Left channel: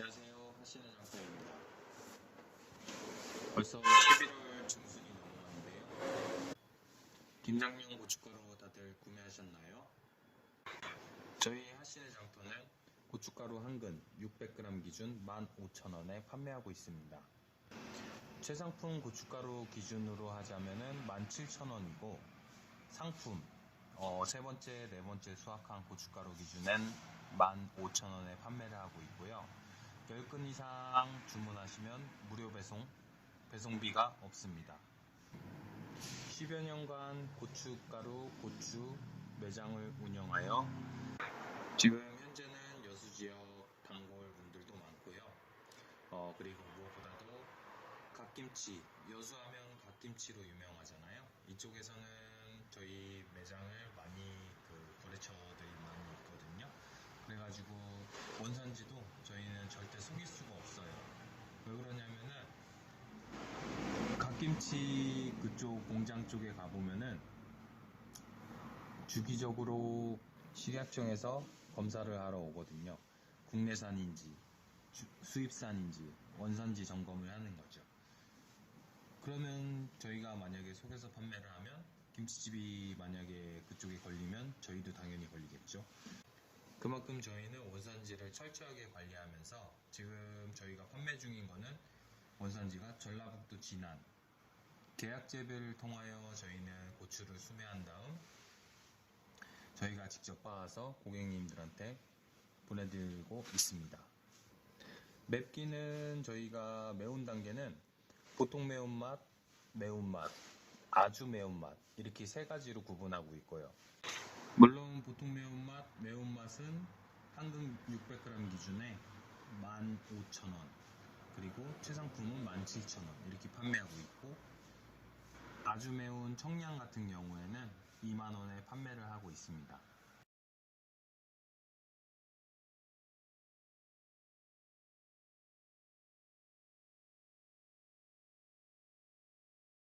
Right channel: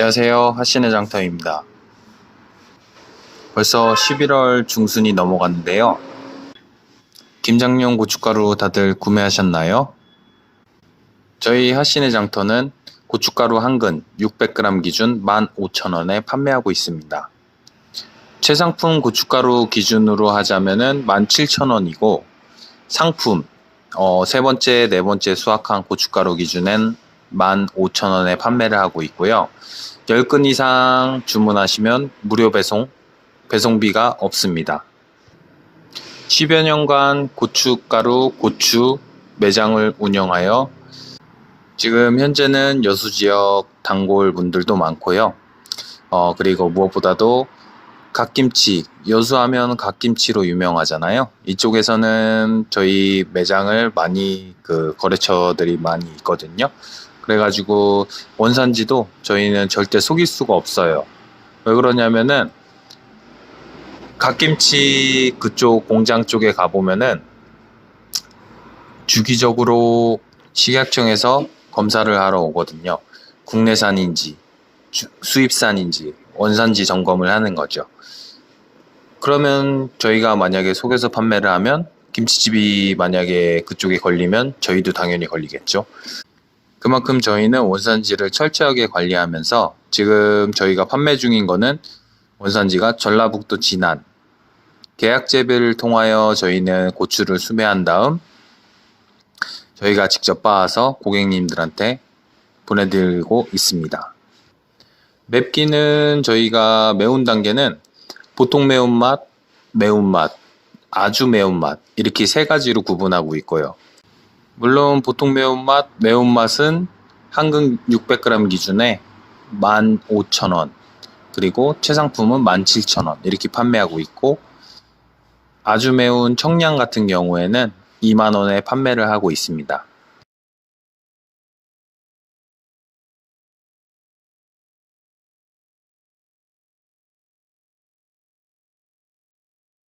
안녕하세요. 하신의 장터입니다. 벌써 11월 중순이 넘어갔는데요. 김장용 고춧가루 다들 구매하셨나요? 저희 하신의 장터는 고춧가루 한 근 600g 기준 15,000원에 판매하고 있습니다. 최상품 고춧가루 기준으로 하자면은 17,000원이고 상품 어, 세 번째, 네 번째 수확한 고춧가루 기준엔 15,000원에 판매를 하고 있고요. 10근 이상 주문하시면 무료 배송, 배송비가 없습니다. 10여 년간 고춧가루, 고추 매장을 운영하여 지금 현재는 여수 지역 단골 분들도 많고요. 어, 그리고 무엇보다도 갓김치, 여수하면 갓김치로 유명하잖아요. 이쪽에서는 저희 매장을 많이 그 거래처들이 많이 있거든요. 그래가지고 원산지도 저희는 절대 속일 수가 없어요. 왜 그러냐면은 갓김치 그쪽 공장 쪽에 가보면은 주기적으로 식약청에서 검사를 하러 오거든요. 국내산인지 주- 수입산인지 원산지 점검을 하는 거죠. 그러면 저희가 만약에 속여서 판매를 하면 김치집이 만약에 그쪽에 걸리면 저희도 당연히 걸리겠죠. 그만큼 저희는 원산지를 철저하게 관리하면서 지금 저희가 판매 중인 거는 원산지가 전라북도 진안 계약 재배를 통하여 저희는 고추를 수매한 다음 저희가 직접 빻아서 고객님들한테 보내드리고 있습니다. 맵기는 저희가 매운 단계는 보통 매운맛, 매운맛, 아주 매운맛 이렇게 세 가지로 구분하고 있고요. 물론 보통 매운맛, 매운맛은 한근 600g 기준에 15,000원 그리고 최상품은 17,000원 이렇게 판매하고 있고 아주 매운 청량 같은 경우에는 2만원에 판매를 하고 있습니다.